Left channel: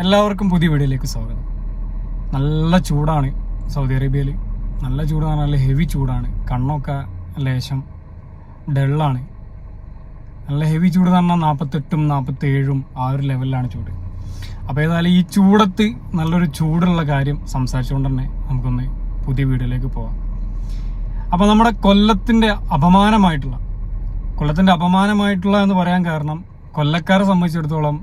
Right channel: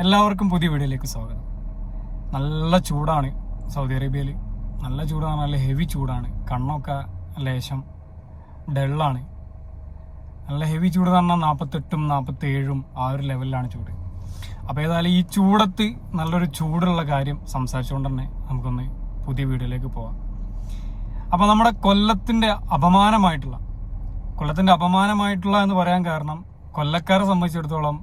എല്ലാവർക്കും പുതിയ വീഡിയോയിലേക്ക് സ്വാഗതം. നല്ല ചൂടാണ് സൗദി അറേബ്യയിൽ. നല്ല ചൂടാണ്, നല്ല ഹെവി ചൂടാണ്. കണ്ണൊക്കെ ലേശം ഡള്ളാണ്. നല്ല ഹെവി ചൂട് എന്ന് പറഞ്ഞാൽ 48ഉം 47ഉം ആ ഒരു ലെവലിലാണ് ചൂട്. അപ്പോൾ ഏതായാലും ഈ ചൂടത്ത് നല്ലൊരു ചൂടുള്ള കാര്യം സംസാരിച്ചുകൊണ്ട് തന്നെ നമുക്കൊന്ന് പുതിയ വീഡിയോയിലേക്ക് പോകാം. അപ്പോൾ നമ്മുടെ കൊല്ലത്തിൻ്റെ അപമാനമായിട്ടുള്ള എന്ന് പറയാൻ കാരണം, കൊല്ലക്കാരെ സംബന്ധിച്ചിടത്തോളം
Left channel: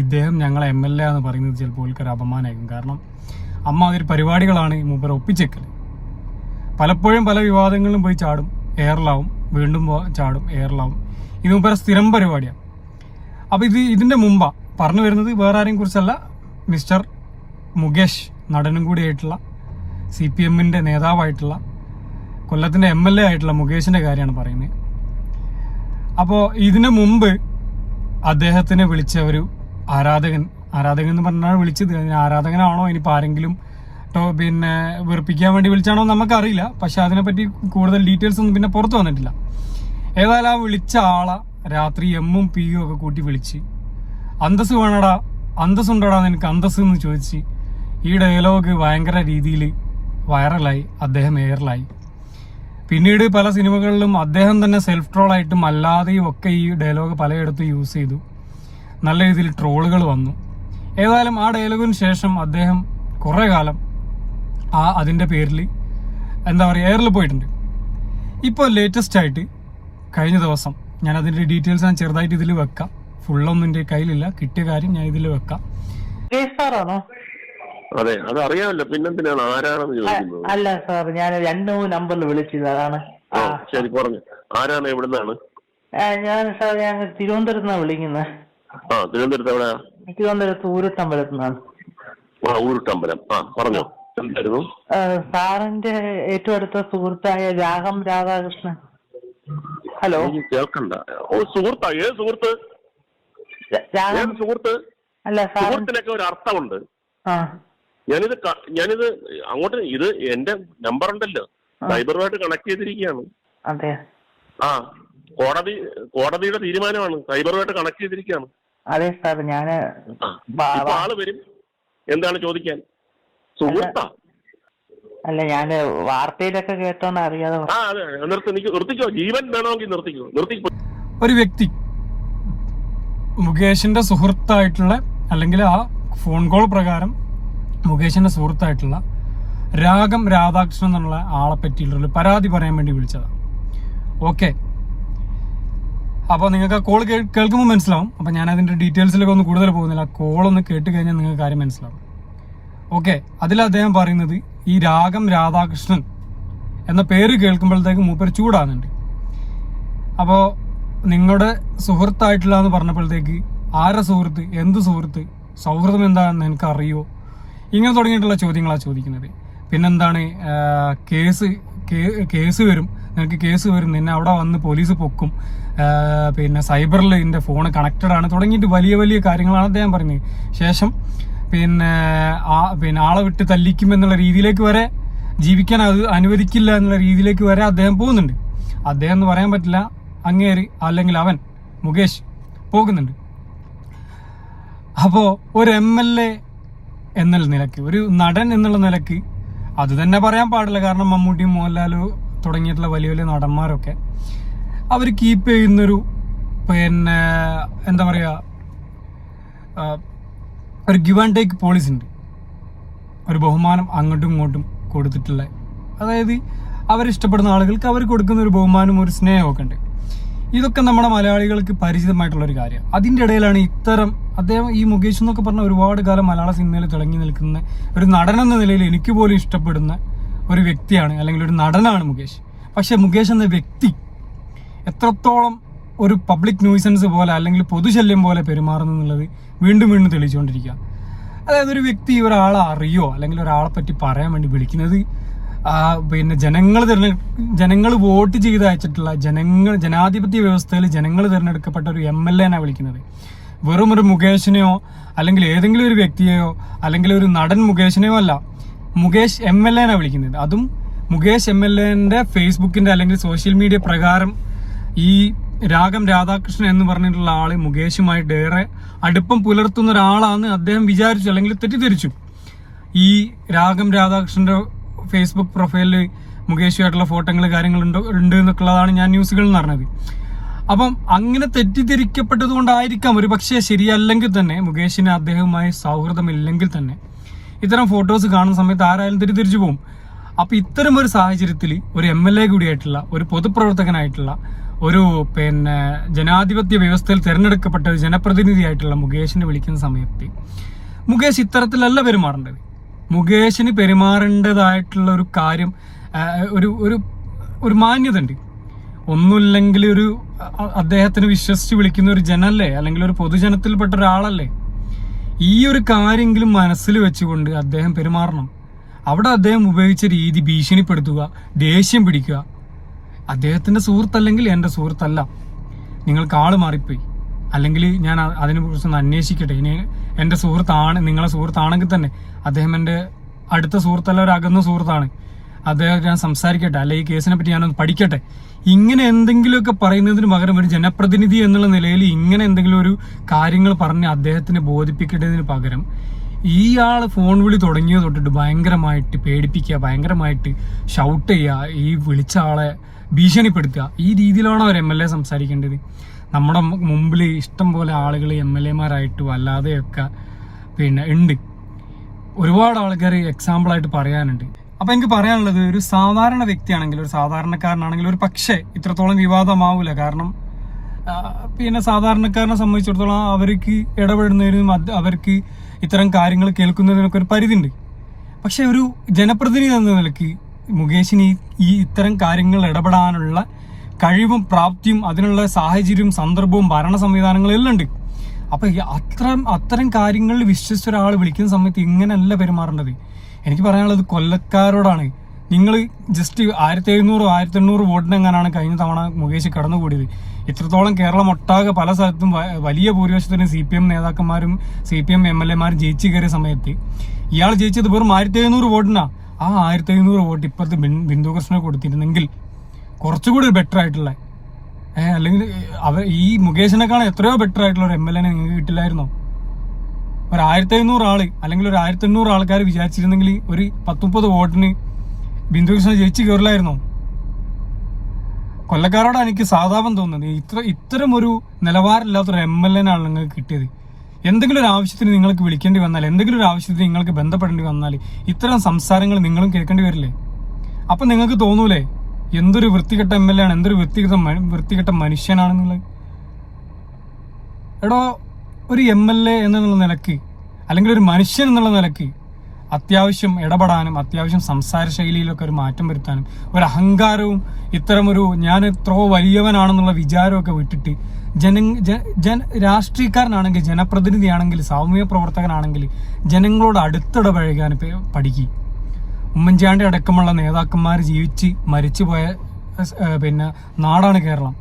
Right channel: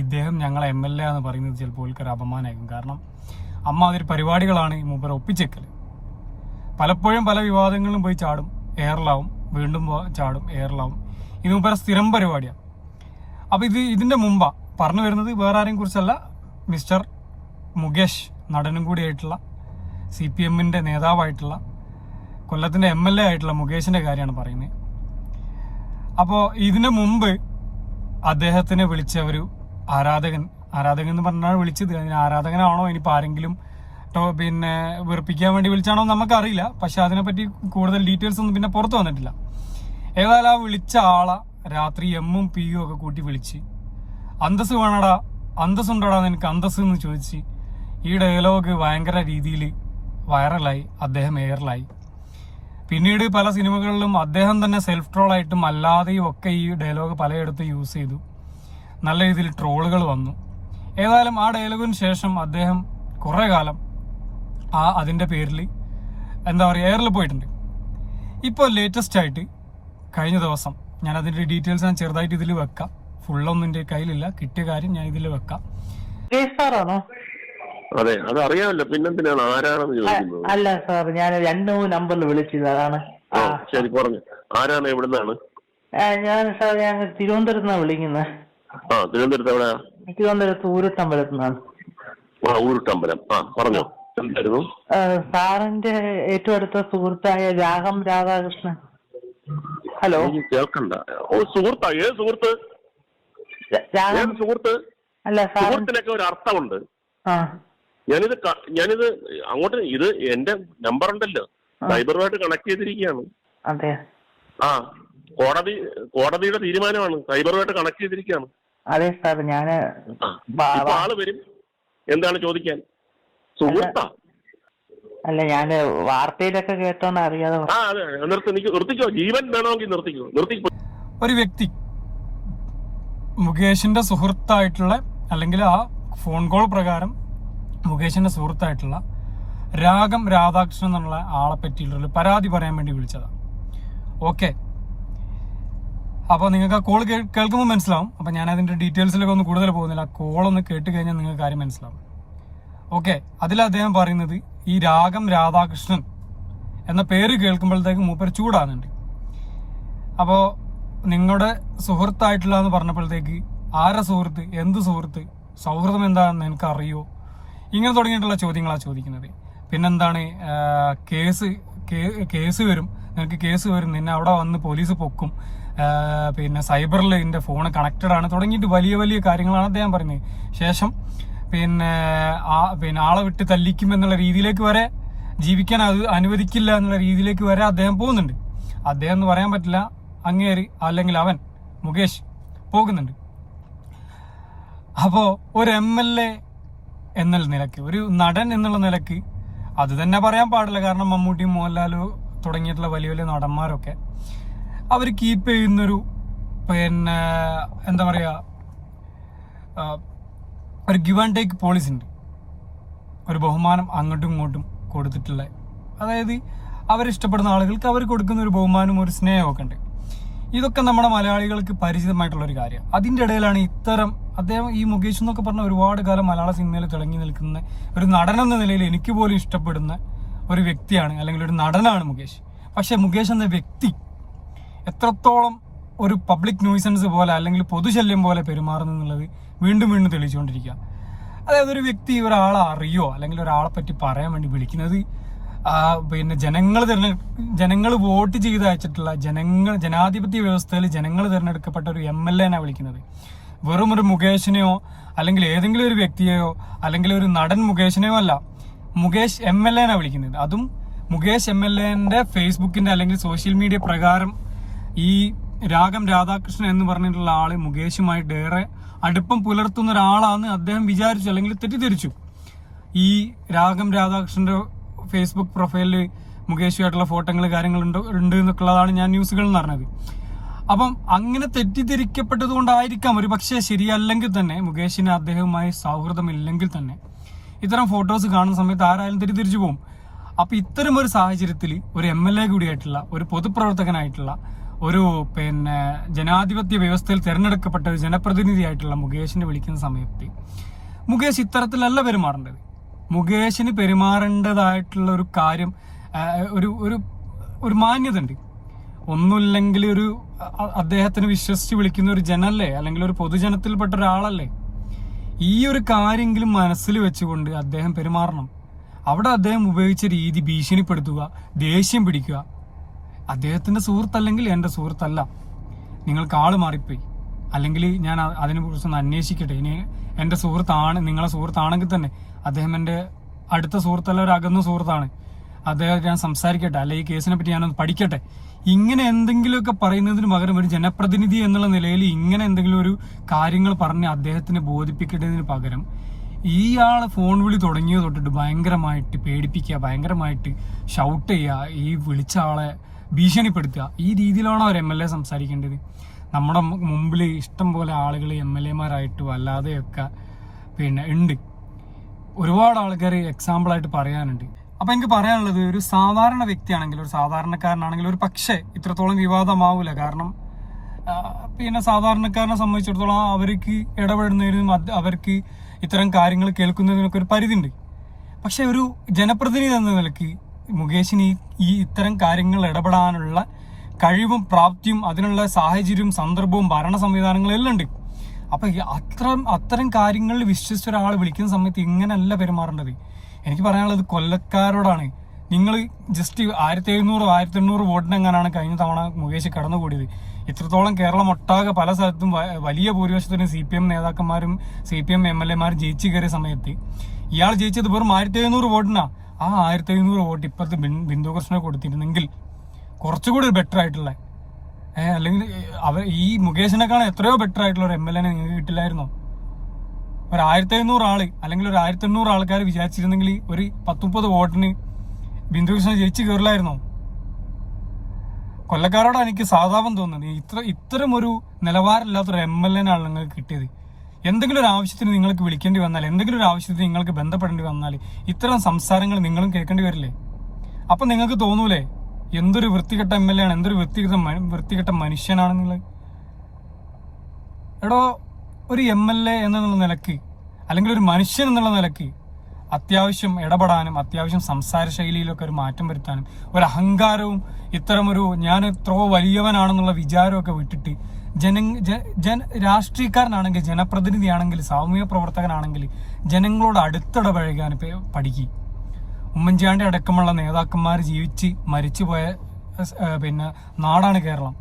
ഇദ്ദേഹം ഞങ്ങളെ MLA എന്ന് പറയുന്നത് ചിലപ്പോൾ ഒരു അപമാനമായിരിക്കും. കാരണം അതൊരു പരിപാടികളാണ് മൂപ്പർ ഒപ്പിച്ചേക്കൽ. പലപ്പോഴും പല വിവാദങ്ങളിലും പോയി ചാടും, എയറിലാവും, വീണ്ടും ചാടും, എയറിലാവും. ഇത് മൂപ്പര സ്ഥിരം പരിപാടിയാണ്. അപ്പോൾ ഇതിൻ്റെ മുമ്പാ പറഞ്ഞു വരുന്നത് വേറെ ആരെയും കുറിച്ചല്ല, മിസ്റ്റർ മുകേഷ്, നടനും കൂടിയായിട്ടുള്ള CPMന്റെ നേതാവായിട്ടുള്ള കൊല്ലത്തിൻ്റെ MLA ആയിട്ടുള്ള മുകേഷിൻ്റെ കാര്യമാണ് പറയുന്നത്. അപ്പോൾ ഇതിനു മുമ്പ് അദ്ദേഹത്തിനെ വിളിച്ച ഒരു ആരാധകൻ എന്ന് പറഞ്ഞാണ് വിളിച്ചത്. അതിന് ആരാധകനാണോ ഇനിയിപ്പോൾ ആരെങ്കിലും വെറുപ്പിക്കാൻ വേണ്ടി വിളിച്ചാണോ നമുക്കറിയില്ല. പക്ഷെ അതിനെപ്പറ്റി കൂടുതൽ ഡീറ്റെയിൽസ് ഒന്നും പിന്നെ പുറത്തു വന്നിട്ടില്ല. ഏതായാലും ആ വിളിച്ച ആളെ രാത്രി എമ്മും പിയും ഒക്കെ കൂട്ടി വിളിച്ച്, അന്തസ് വേണടാ, അന്തസ്സുണ്ടോടാ നിനക്ക് അന്തസ് എന്ന് ചോദിച്ച് ഈ ഡയലോഗ് ഭയങ്കര രീതിയിൽ വൈറലായി. അദ്ദേഹം എയറിലായി. പിന്നീട് പല സിനിമകളിലും അദ്ദേഹം തന്നെ സെൽഫ് ട്രോളായിട്ടും അല്ലാതെയും ഒക്കെ ഈ ഡയലോഗ് പലയിടത്തും യൂസ് ചെയ്തു. നല്ല രീതിയിൽ ട്രോളുകൾ വന്നു. ഏതായാലും ആ ഡയലോഗിന് ശേഷം അദ്ദേഹം കുറേ കാലം അതിൻ്റെ പേരിൽ എയറിൽ പോയിട്ടുണ്ട്. ഇപ്പോൾ ലേറ്റസ്റ്റ് ആയിട്ട് കഴിഞ്ഞ ദിവസം, ഞാൻ അതിൻ്റെ ഡീറ്റെയിൽസ് ഞാൻ ചെറുതായിട്ട് ഇതിൽ വെക്കാം. ഫുള്ളൊന്നും എൻ്റെ കയ്യിലില്ല, കിട്ടിയ കാര്യം ഞാൻ ഇതിൽ വെക്കാം. അതെ, അത് അറിയാമല്ലോ. പിന്നെന്തിനാണ് ആരാണെന്ന് ചോദിക്കുന്നത്? അല്ല സാർ, ഞാൻ 2 നമ്പറിൽ വിളിച്ചത്, അതാണ്. ശരി, പറഞ്ഞു. ആരാണ്, എവിടുന്നാണ്? ഞാൻ തിരുവനന്തപുരത്ത് വിളിക്കുന്നത്. തിരുവനന്തപുരത്ത് എവിടെയാ? തിരുവനന്തപുരത്ത് ഊരുട്ടമ്പലത്ത് നിന്നാണ്. ഊരുട്ടമ്പലം. പറഞ്ഞോ, എന്തായിരുന്നു? സാറിന്റെ ഏറ്റവും അടുത്ത സുഹൃത്തായ രാധാകൃഷ്ണൻ. ഹലോ, കേൾക്കണ്ട. സുഹൃത്താ? ഏത് സുഹൃത്ത്? സുഹൃത്ത്? അല്ല, സുഹൃത്തിനൊക്കെ ഒരു അർത്ഥമുണ്ട്. ഞാനിത് അങ്ങോട്ട്, ഇത് എന്റെ നമ്പർ ഉണ്ടല്ലോ, സൈബറുമായിട്ട് കണക്ട് ചെയ്തിരിക്കുകയാണ്. അതെ. കോടതിയുടെ തീരുമാനമാണ്, സൈബറുമായിട്ട് കണക്ട് ചെയ്തിരിക്കുകയാണ്. അതെ സാർ, ഞാന് ആള് വരും. എന്താണ് ചോദിക്കാൻ? സുഹൃത്താ? അല്ല, ഞാന് വാർത്തയിലൊക്കെ കേട്ടോന്ന് അറിയാതെ. അതെ, നിർത്തിക്കോ. ജീവൻ വേണമെങ്കിൽ നിർത്തിക്കോ. ഒരു വ്യക്തി മുകേഷിന്റെ സുഹൃത്തായിട്ടുള്ള, അല്ലെങ്കിൽ ആ ഫോൺ കോൾ പ്രകാരം മുകേഷിന്റെ സുഹൃത്തായിട്ടുള്ള രാധാകൃഷ്ണൻ എന്നുള്ള ആളെ പറ്റിയിട്ടുള്ള പരാതി പറയാൻ വേണ്ടി വിളിച്ചതാണ്. ഓക്കെ, അപ്പോൾ നിങ്ങൾക്ക് ആ കോൾ കേൾക്കുമ്പോൾ മനസ്സിലാവും. അപ്പോൾ ഞാൻ അതിൻ്റെ ഡീറ്റെയിൽസിലൊക്കെ ഒന്ന് കൂടുതൽ പോകുന്നില്ല. ആ കോളൊന്ന് കേട്ട് കഴിഞ്ഞാൽ നിങ്ങൾക്ക് കാര്യം മനസ്സിലാവും. ഓക്കെ, അതിൽ അദ്ദേഹം പറയുന്നത് ഈ രാധാകൃഷ്ണൻ എന്ന പേര് കേൾക്കുമ്പോഴത്തേക്ക് മൂപ്പര് ചൂടാകുന്നുണ്ട്. അപ്പോൾ നിങ്ങളുടെ സുഹൃത്തായിട്ടുള്ള എന്ന് പറഞ്ഞപ്പോഴത്തേക്ക് ആരാ സുഹൃത്ത്, എന്ത് സുഹൃത്ത്, സൗഹൃദം എന്താണെന്ന് എനിക്ക് അറിയോ, ഇങ്ങനെ തുടങ്ങിയിട്ടുള്ള ചോദ്യങ്ങളാണ് ചോദിക്കുന്നത്. പിന്നെന്താണ്, കേസ് വരും, നിനക്ക് കേസ് വരും, നിന്നെ അവിടെ വന്ന് പോലീസ് പൊക്കും, പിന്നെ സൈബറിൽ ഇതിൻ്റെ ഫോൺ കണക്റ്റഡ് ആണ്, തുടങ്ങിയിട്ട് വലിയ വലിയ കാര്യങ്ങളാണ് അദ്ദേഹം പറയുന്നത്. ശേഷം പിന്നെ ആളെ വിട്ട് തല്ലിക്കും എന്നുള്ള രീതിയിലേക്ക് വരെ, ജീവിക്കാൻ അത് അനുവദിക്കില്ല എന്നുള്ള രീതിയിലേക്ക് വരെ അദ്ദേഹം പോകുന്നുണ്ട്. അദ്ദേഹം എന്ന് പറയാൻ പറ്റില്ല, അങ്ങേര് അല്ലെങ്കിൽ അവൻ മുകേഷ് പോകുന്നുണ്ട്. അപ്പോൾ ഒരു MLA എന്നുള്ള നിലയ്ക്ക്, ഒരു നടൻ എന്നുള്ള നിലയ്ക്ക് അത് തന്നെ പറയാൻ പാടില്ല. കാരണം മമ്മൂട്ടിയും മോഹൻലാലും തുടങ്ങിയിട്ടുള്ള വലിയ വലിയ നടന്മാരൊക്കെ അവർ കീപ്പ് ചെയ്യുന്നൊരു എന്താ പറയുക, ഒരു ഗിവ് ആൻഡ് ടേക്ക് പോളിസി ഉണ്ട്. ഒരു ബഹുമാനം അങ്ങോട്ടും ഇങ്ങോട്ടും കൊടുത്തിട്ടുള്ള, അതായത് അവരിഷ്ടപ്പെടുന്ന ആളുകൾക്ക് അവർ കൊടുക്കുന്ന ഒരു ബഹുമാനം, ഒരു സ്നേഹമൊക്കെ ഉണ്ട്. ഇതൊക്കെ നമ്മുടെ മലയാളികൾക്ക് പരിചിതമായിട്ടുള്ളൊരു കാര്യമാണ്. അതിൻ്റെ ഇടയിലാണ് അദ്ദേഹം ഈ മുകേഷ് എന്നൊക്കെ പറഞ്ഞ ഒരുപാട് കാലം മലയാള സിനിമയിൽ തിളങ്ങി നിൽക്കുന്ന ഒരു നടനെന്ന നിലയിൽ എനിക്ക് പോലും ഇഷ്ടപ്പെടുന്ന ഒരു വ്യക്തിയാണ്, അല്ലെങ്കിൽ ഒരു നടനാണ് മുകേഷ്. പക്ഷെ മുകേഷ് എന്ന വ്യക്തി എത്രത്തോളം ഒരു പബ്ലിക് ന്യൂസൻസ് പോലെ, അല്ലെങ്കിൽ പൊതുശല്യം പോലെ പെരുമാറുന്നു എന്നുള്ളത് വീണ്ടും വീണ്ടും തെളിയിച്ചുകൊണ്ടിരിക്കുക. അതായത് ഒരു വ്യക്തി ഒരാളെ അറിയോ, അല്ലെങ്കിൽ ഒരാളെ പറ്റി പറയാൻ വേണ്ടി വിളിക്കുന്നത്, പിന്നെ ജനങ്ങൾ വോട്ട് ചെയ്ത് അയച്ചിട്ടുള്ള, ജനാധിപത്യ വ്യവസ്ഥയിൽ ജനങ്ങൾ തിരഞ്ഞെടുക്കപ്പെട്ട ഒരു MLA വിളിക്കുന്നത്. വെറും ഒരു മുകേഷിനെയോ അല്ലെങ്കിൽ ഏതെങ്കിലും ഒരു വ്യക്തിയെയോ അല്ലെങ്കിൽ ഒരു നടൻ മുകേഷിനെയോ അല്ല, മുകേഷ് MLA വിളിക്കുന്നത്. അതും മുകേഷ് MLAന്റെ ഫേസ്ബുക്കിന്റെ അല്ലെങ്കിൽ സോഷ്യൽ മീഡിയ പ്രകാരം ഈ രാധാകൃഷ്ണൻ എന്ന് പറഞ്ഞിട്ടുള്ള ആള് മുകേഷുമായിട്ട് ഏറെ അടുപ്പം പുലർത്തുന്ന ഒരാളാന്ന് അദ്ദേഹം വിചാരിച്ചു, അല്ലെങ്കിൽ തെറ്റിദ്ധരിച്ചു. ഈ രാഗം രാധാകൃഷ്ണന്റെ ഫേസ്ബുക്ക് പ്രൊഫൈലിൽ മുകേഷുമായിട്ടുള്ള ഫോട്ടോകൾ കാര്യങ്ങളുണ്ട് എന്നൊക്കെയുള്ളതാണ് ഞാൻ ന്യൂസുകളിൽ നിന്ന് അറിഞ്ഞത്. അപ്പം അങ്ങനെ തെറ്റിദ്ധരിക്കപ്പെട്ടത് കൊണ്ടായിരിക്കാം ഒരു പക്ഷേ, ശരിയല്ലെങ്കിൽ തന്നെ മുകേഷിന് അദ്ദേഹവുമായി സൗഹൃദമില്ലെങ്കിൽ തന്നെ ഇത്തരം ഫോട്ടോസ് കാണുന്ന സമയത്ത് ആരായാലും തെറ്റിദ്ധരിച്ചു പോകും. അപ്പൊ ഇത്തരം ഒരു സാഹചര്യത്തിൽ ഒരു MLA കൂടിയായിട്ടുള്ള, ഒരു പൊതുപ്രവർത്തകനായിട്ടുള്ള, ഒരു ജനാധിപത്യ വ്യവസ്ഥയിൽ തിരഞ്ഞെടുക്കപ്പെട്ട ഒരു ജനപ്രതിനിധിയായിട്ടുള്ള മുകേഷിനെ വിളിക്കുന്ന സമയത്ത് മുകേഷ് ഇത്തരത്തിലല്ല പെരുമാറേണ്ടത്. മുകേഷിന് പെരുമാറേണ്ടതായിട്ടുള്ള ഒരു കാര്യം, ഒരു മാന്യത ഉണ്ട്. ഒന്നുമില്ലെങ്കിൽ അദ്ദേഹത്തിന് വിശ്വസിച്ച് വിളിക്കുന്ന ഒരു ജനല്ലേ, അല്ലെങ്കിൽ ഒരു പൊതുജനത്തിൽപ്പെട്ട ഒരാളല്ലേ. ഈ ഒരു കാര്യമെങ്കിലും മനസ്സിൽ വെച്ചുകൊണ്ട് അദ്ദേഹം പെരുമാറണം. അവിടെ അദ്ദേഹം ഉപയോഗിച്ച രീതി ഭീഷണിപ്പെടുത്തുക, ദേഷ്യം പിടിക്കുക. അദ്ദേഹത്തിന്റെ സുഹൃത്തല്ലെങ്കിൽ എൻ്റെ സുഹൃത്തല്ല, നിങ്ങൾക്ക് ആള് മാറിപ്പോയി, അല്ലെങ്കിൽ ഞാൻ അതിനെ കുറിച്ചൊന്ന് അന്വേഷിക്കട്ടെ, ഇനി എൻ്റെ സുഹൃത്താണ്, നിങ്ങളെ സുഹൃത്താണെങ്കിൽ തന്നെ അദ്ദേഹം എൻ്റെ അടുത്ത സുഹൃത്തല്ല, ഒരു അകന്ന സുഹൃത്താണ്, അദ്ദേഹം ഞാൻ സംസാരിക്കട്ടെ, അല്ലെ ഈ കേസിനെ പറ്റി ഞാനൊന്ന് പഠിക്കട്ടെ. ഇങ്ങനെ എന്തെങ്കിലുമൊക്കെ പറയുന്നതിന് പകരം ഒരു ജനപ്രതിനിധി എന്നുള്ള നിലയിൽ ഇങ്ങനെ എന്തെങ്കിലും ഒരു കാര്യങ്ങൾ പറഞ്ഞ് അദ്ദേഹത്തിനെ ബോധിപ്പിക്കേണ്ടതിന് പകരം ഇയാള് ഫോൺ വിളി തുടങ്ങിയത് തൊട്ടിട്ട് ഭയങ്കരമായിട്ട് പേടിപ്പിക്കുക, ഭയങ്കരമായിട്ട് ഷൗട്ട് ചെയ്യുക, ഈ വിളിച്ച ആളെ ഭീഷണിപ്പെടുത്തുക, ഈ രീതിയിലാണ് അവർ MLA സംസാരിക്കേണ്ടത്. നമ്മുടെ മുമ്പിൽ ഇഷ്ടം പോലെ ആളുകൾ MLA-മാരായിട്ടും അല്ലാതെയൊക്കെ ഉണ്ട്. ഒരുപാട് ആൾക്കാർ എക്സാമ്പിളായിട്ട് പറയാനുണ്ട്. അപ്പൊ എനിക്ക് പറയാനുള്ളത്, ഒരു സാധാരണ വ്യക്തിയാണെങ്കിൽ, ഒരു സാധാരണക്കാരനാണെങ്കിൽ ഒരു പക്ഷേ ഇത്രത്തോളം വിവാദമാവൂല. കാരണം സാധാരണക്കാരനെ സംബന്ധിച്ചിടത്തോളം അവർക്ക് ഇടപെടുന്നതിനും അവർക്ക് ഇത്തരം കാര്യങ്ങൾ കേൾക്കുന്നതിനൊക്കെ ഒരു പരിധി ഉണ്ട്. പക്ഷെ ഒരു ജനപ്രതിനിധി എന്ന നിലയ്ക്ക് മുകേഷിന് ഈ ഇത്തരം കാര്യങ്ങൾ ഇടപെടാനുള്ള കഴിവും പ്രാപ്തിയും അതിനുള്ള സാഹചര്യവും സന്ദർഭവും ഭരണ സംവിധാനങ്ങളും എല്ലാം ഉണ്ട്. അപ്പൊ അത്തരം കാര്യങ്ങളിൽ വിശ്വസിച്ച ഒരാൾ വിളിക്കുന്ന സമയത്ത് ഇങ്ങനെയല്ല പെരുമാറേണ്ടത്. എനിക്ക് പറയാനുള്ളത് കൊല്ലക്കാരോടാണ്. നിങ്ങൾ ജസ്റ്റ് 1700-1800 വോട്ടിനെങ്ങാനാണ് കഴിഞ്ഞ തവണ മുകേഷ് കടന്നുകൂടിയത്. ഇത്രത്തോളം കേരളം ഒട്ടാകെ പല സ്ഥലത്തും വലിയ ഭൂരിപക്ഷത്തിന് CPM നേതാക്കന്മാരും CPM MLA-മാരും ജയിച്ചു കയറിയ സമയത്ത് ഇയാൾ ജയിച്ചത് വെറും 1700 വോട്ടിനാ. ആ 1700 വോട്ട് ഇപ്പോഴത്തെ ബിന്ദു കൃഷ്ണന് കൊടുത്തിരുന്നെങ്കിൽ കുറച്ചുകൂടി ബെറ്റർ ആയിട്ടുള്ള, അല്ലെങ്കിൽ ഈ മുകേഷിനെക്കാളും എത്രയോ ബെറ്റർ ആയിട്ടുള്ള ഒരു MLA-നെ നിങ്ങൾക്ക് കിട്ടില്ലായിരുന്നോ? ഒരു 1500 ആള് അല്ലെങ്കിൽ ഒരു 1800 ആൾക്കാർ വിചാരിച്ചിരുന്നെങ്കിൽ ഒരു 10-30 വോട്ടിന് ബിന്ദു കൃഷ്ണ ജയിച്ചു കയറില്ലായിരുന്നോ? കൊല്ലക്കാരോട് എനിക്ക് സാധാപം തോന്നുന്നത്. ഇത്തരം ഒരു നിലവാരമില്ലാത്തൊരു MLA-നാണ് നിങ്ങൾക്ക് കിട്ടിയത്. എന്തെങ്കിലും ഒരു ആവശ്യത്തിന് നിങ്ങൾക്ക് വിളിക്കേണ്ടി വന്നാൽ, എന്തെങ്കിലും ഒരു ആവശ്യത്തിന് നിങ്ങൾക്ക് ബന്ധപ്പെടേണ്ടി വന്നാൽ ഇത്തരം സംസാരങ്ങൾ നിങ്ങളും കേൾക്കേണ്ടി വരില്ലേ? അപ്പൊ നിങ്ങൾക്ക് തോന്നൂലേ എന്തൊരു വൃത്തികെട്ട MLA ആണ്, എന്തൊരു വൃത്തികെട്ട മനുഷ്യനാണ് നിങ്ങൾ? എടോ, ഒരു MLA എന്നുള്ള നിലക്ക്, അല്ലെങ്കിൽ ഒരു മനുഷ്യൻ എന്നുള്ള നിലക്ക് അത്യാവശ്യം ഇടപെടാനും അത്യാവശ്യം സംസാര ശൈലിയിലൊക്കെ ഒരു മാറ്റം വരുത്താനും, ഒരു അഹങ്കാരവും ഇത്തരമൊരു ഞാൻ എത്രയോ വലിയവനാണെന്നുള്ള വിചാരമൊക്കെ വിട്ടിട്ട് രാഷ്ട്രീയക്കാരനാണെങ്കിൽ, ജനപ്രതിനിധിയാണെങ്കിൽ, സാമൂഹ്യ പ്രവർത്തകനാണെങ്കിൽ ജനങ്ങളോട് അടുത്തിടപഴകാൻ പഠിക്കുക. ഉമ്മൻചാണ്ടി അടക്കമുള്ള നേതാക്കന്മാർ ജീവിച്ച് മരിച്ചുപോയ നാടാണ് കേരളം.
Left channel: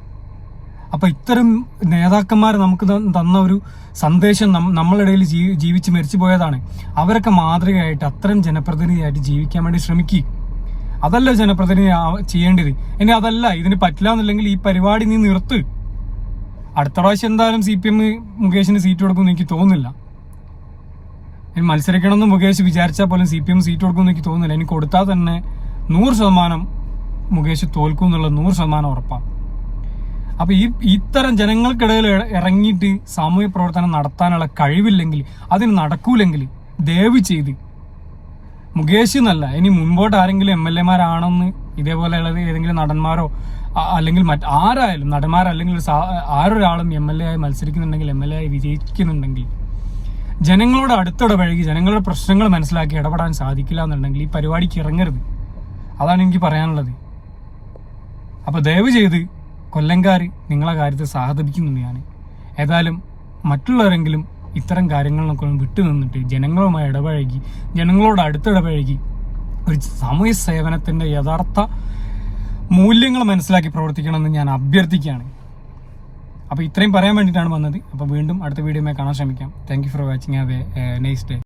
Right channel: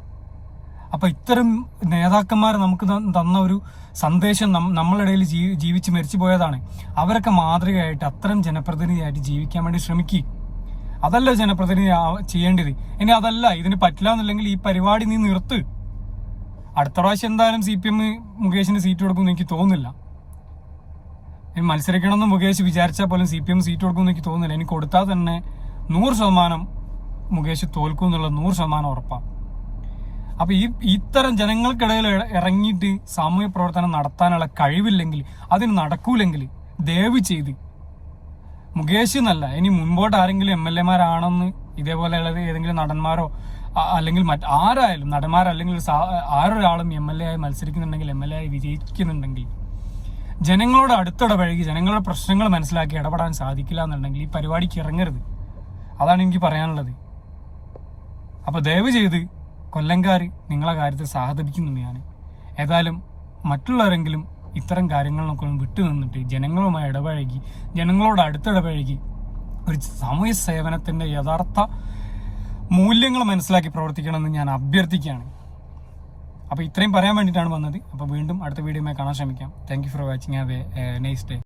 അപ്പൊ ഇത്തരം നേതാക്കന്മാർ നമുക്ക് തന്ന ഒരു സന്ദേശം നമ്മളിടയിൽ ജീവിച്ച് മരിച്ചു പോയതാണ്. അവരൊക്കെ മാതൃകയായിട്ട് അത്തരം ജനപ്രതിനിധിയായിട്ട് ജീവിക്കാൻ വേണ്ടി ശ്രമിക്കുക. അതല്ല ജനപ്രതിനിധി ചെയ്യേണ്ടത്. ഇനി അതല്ല, ഇതിന് പറ്റില്ല എന്നുണ്ടെങ്കിൽ ഈ പരിപാടി നീ നിർത്ത്. അടുത്ത പ്രാവശ്യം എന്തായാലും CPM മുകേഷിന് സീറ്റ് കൊടുക്കുമെന്ന് എനിക്ക് തോന്നുന്നില്ല. മത്സരിക്കണമെന്ന് മുകേഷ് വിചാരിച്ചാൽ പോലും CPM സീറ്റ് കൊടുക്കുമെന്ന് എനിക്ക് തോന്നുന്നില്ല. എനിക്ക് കൊടുത്താൽ തന്നെ 100% മുകേഷ് തോൽക്കും എന്നുള്ള 100% ഉറപ്പാണ്. അപ്പൊ ഇത്തരം ജനങ്ങൾക്കിടയിൽ ഇറങ്ങിയിട്ട് സാമൂഹ്യ പ്രവർത്തനം നടത്താനുള്ള കഴിവില്ലെങ്കിൽ, അതിന് നടക്കൂലെങ്കിൽ ദയവ് ചെയ്ത് മുകേഷ് എന്നല്ല, ഇനി മുൻപോട്ട് ആരെങ്കിലും MLA-മാരാണെന്ന് ഇതേപോലെയുള്ള ഏതെങ്കിലും നടന്മാരോ അല്ലെങ്കിൽ ആരായാലും നടന്മാരല്ലെങ്കിൽ ആരൊരാളും MLA ആയി മത്സരിക്കുന്നുണ്ടെങ്കിൽ, MLA ആയി വിജയിക്കുന്നുണ്ടെങ്കിൽ ജനങ്ങളോട് അടുത്തിടപഴകി ജനങ്ങളുടെ പ്രശ്നങ്ങൾ മനസ്സിലാക്കി ഇടപെടാൻ സാധിക്കില്ല എന്നുണ്ടെങ്കിൽ ഈ പരിപാടിക്ക് ഇറങ്ങരുത്. അതാണ് എനിക്ക് പറയാനുള്ളത്. അപ്പൊ ദയവ് ചെയ്ത് കൊല്ലംകാർ നിങ്ങളെ കാര്യത്തിൽ സഹതപിക്കുന്നുണ്ട്. ഞാൻ ഏതായാലും മറ്റുള്ളവരെങ്കിലും ഇത്തരം കാര്യങ്ങളിലൊക്കെ വിട്ടു നിന്നിട്ട് ജനങ്ങളുമായി ഇടപഴകി, ജനങ്ങളോട് അടുത്തിടപഴകി ഒരു സാമൂഹ്യ സേവനത്തിന്റെ യഥാർത്ഥ മൂല്യങ്ങൾ മനസ്സിലാക്കി പ്രവർത്തിക്കണമെന്ന് ഞാൻ അഭ്യർത്ഥിക്കുകയാണ്. അപ്പോൾ ഇത്രയും പറയാൻ വേണ്ടിയിട്ടാണ് വന്നത്. അപ്പോൾ വീണ്ടും അടുത്ത വീഡിയോയുമായി കാണാൻ ശ്രമിക്കാം. Thank you for watching. Have A nice day.